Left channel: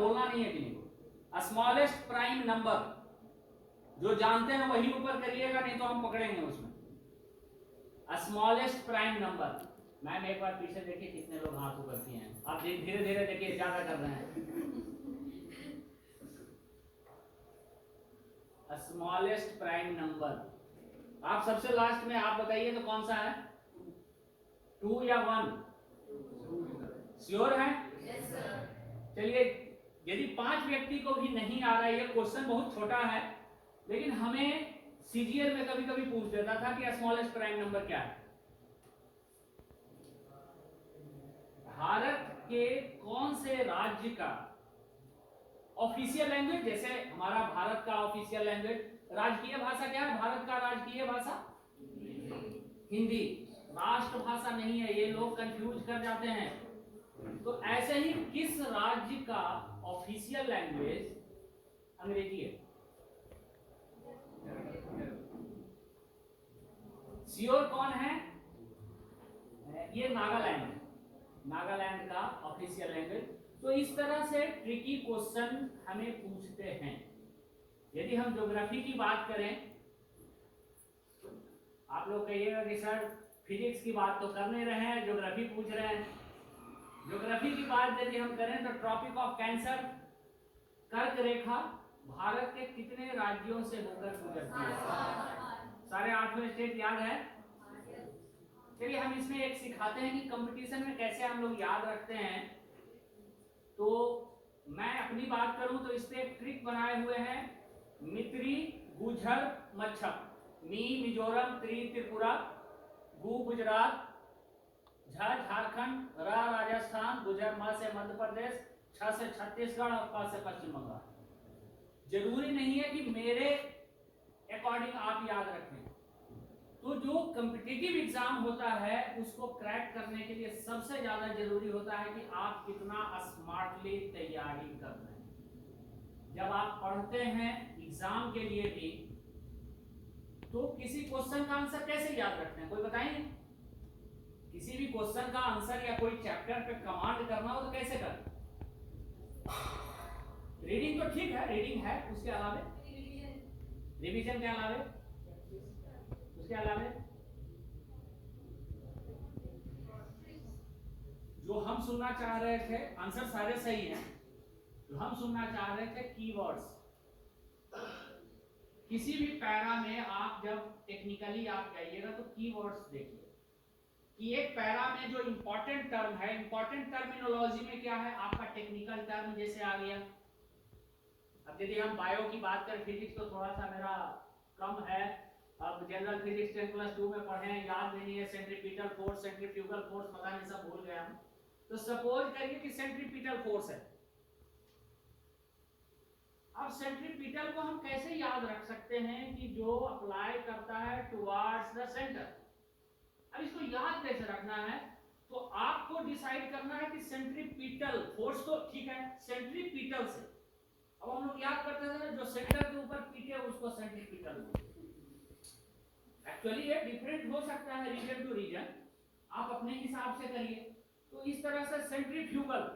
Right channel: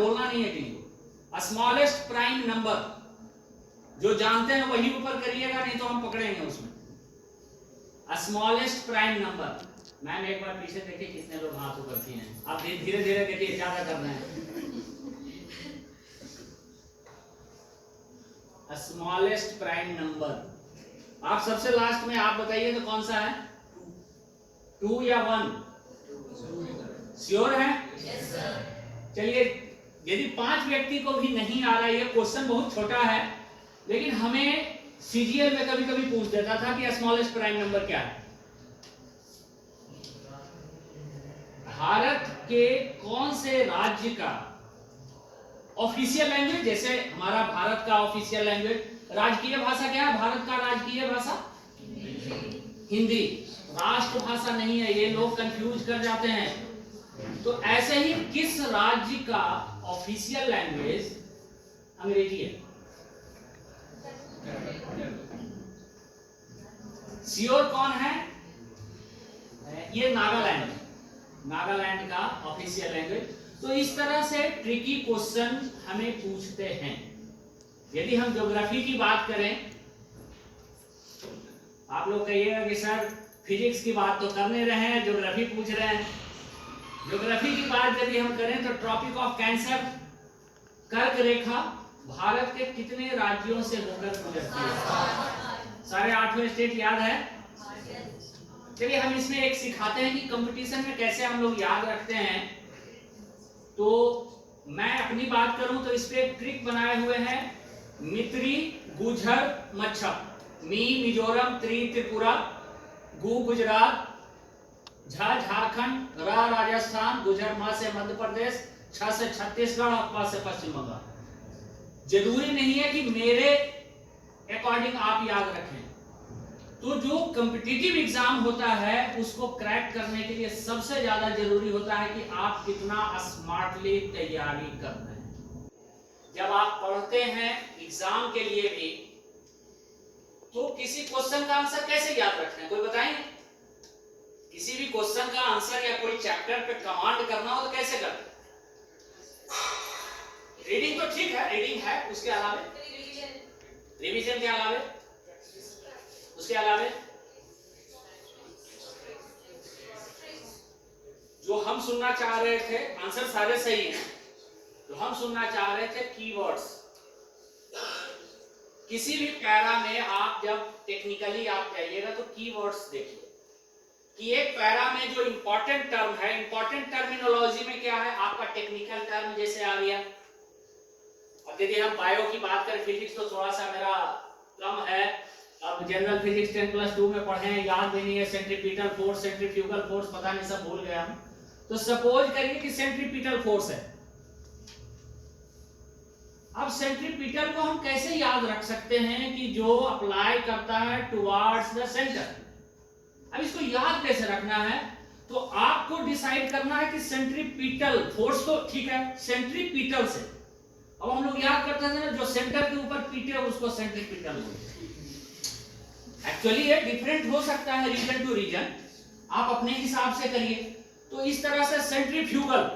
बोलना नहीं है किसी को। स्मॉलेस्ट प्राइम नंबर, जो जानते हैं वही ऊपर करिएगा, नहीं तो हम पकड़ेंगे उसमें। Smallest prime number. मैम एक बार पीछे देखिए कितने लोग हाथ ऊपर किए हैं, आप धीरे धीरे करिए, ज्यादा कर रहे हैं। Smallest prime number. आप सबसे लास्ट में आप बताइए तो कौन सा है, 2 या 1? श्योर है? चलिए, यदि 5 व्यक्ति को भी नहीं आ रहा है, ये क्वेश्चन बहुत छोटा है, लेकिन हमें सीजीएल में कभी कभी पूछ देता था कि स्मॉलेस्ट प्राइम नंबर क्या है। भारत के कौन से राज्य का ऑफिशियल लैंग्वेज, जैसे हमारा भारत का ऑफिशियल लैंग्वेज, राजकीय भाषा क्या है भारत का? राजकीय भाषा हिंदी। राष्ट्रभाषा नहीं है, ये लोग कंफ्यूज कर जाते हैं। तो ऐसे ही किस राज्य का ऑफिशियल लैंग्वेज अंग्रेजी है? श्योर कौन है? ये नागालैंड, नागालैंड का ऑफिशियल लैंग्वेज। तो इस तरह से ट्रिकी क्वेश्चन हमें पूछते हैं। यदि हम ज्योग्राफी की बात करें, आप लोग कहिएगा कि सर फिजिक्स की बात तो कर नहीं रहे हैं, ज्योग्राफी पूछ रहे हैं। ज्योग्राफी की बात यदि हम करें तो ट्रॉपिक ऑफ कैंसर, कर्क रेखा भारत के कितने राज्यों से होकर गुजरती है? सारे 8 स्टेट याद है? चलिए हम इसमें एक सिखाते हैं कि कंपटीशन में कैसे हम लोग याद रखते हैं। तो मैं अपनी बात करूं तो इस पे एक ट्रिक बनाए हुए हैं। मित्री, गुजर, मच्छर। मी मिजोरम, त्रि त्रिपुरा, गु गुजरात, झा झारखंड, रा राजस्थान, गुजर मा से मध्य प्रदेश, छ से छत्तीसगढ़ और प से पश्चिम बंगाल। जरूरी नहीं है कि मेरे अकॉर्डिंग आप याद रखें। तो जो कॉम्पिटिटिव एग्जाम होता है उसको क्रैक करने के लिए सबसे ज्यादा जरूरी होता है कि आप कितना स्मार्टली तैयारी कर रहे हैं। जब आप पढ़ते हैं एग्जाम के लिए भी, तो किसी क्वेश्चन का आंसर कैसे याद रखना है, कोई बताएंगे? किसी भी क्वेश्चन का आंसर या कोई चैप्टर पे कमांड करना हो तो कैसे करते? रीडिंग तो ठीक है, रीडिंग है, उसके अलावा रिवीजन के अलावा, उसके अलावा जो हम सुनना चाह रहे थे, आंसर सारे सही हैं, तो हम सुनना चाह रहे थे कीवर्ड्स। किसी भी पैरा में आप जब टेक्निकली आप जाइएगा तो कीवर्ड्स देखिए कि एक पैरा में जो इंपॉर्टेंट टर्म है, इंपॉर्टेंट टर्मिनोलॉजी में क्या है आपका टेक्निकल टर्म जैसे आ गया। अब यदि हम बायो की बात करें, फिजिक्स तो थोड़ा सा मेरा कम है, अब जनरल फिजिक्स 10+2 में पढ़े हैं, याद भी नहीं है। सेंट्रीपिटल फोर्स, सेंट्रीफ्यूगल फोर्स, पता नहीं, सब भूल गया हम। तो सपोज करिए कि सेंट्रीपिटल फोर्स है। अब सेंट्रीपिटल को हम कैसे याद रख सकते हैं कि जो अप्लाई करता है टुवर्ड्स द सेंटर। अब इसको याद कैसे रखना है, तो आपको डिसाइड करना है कि सेंट्रीपिटल फोर्स तो ठीक है, सेंट्रीपिटल से अब हम लोग याद करते थे ना, जो सेंटर के ऊपर पीटे उसको सेंट्रीपिटल बोलते हैं। एक्चुअली ये डिफरेंट हो सकता है रीजन टू रीजन, आप अपने हिसाब से करिए। तो इस तरह से सेंट्रीफ्यूगल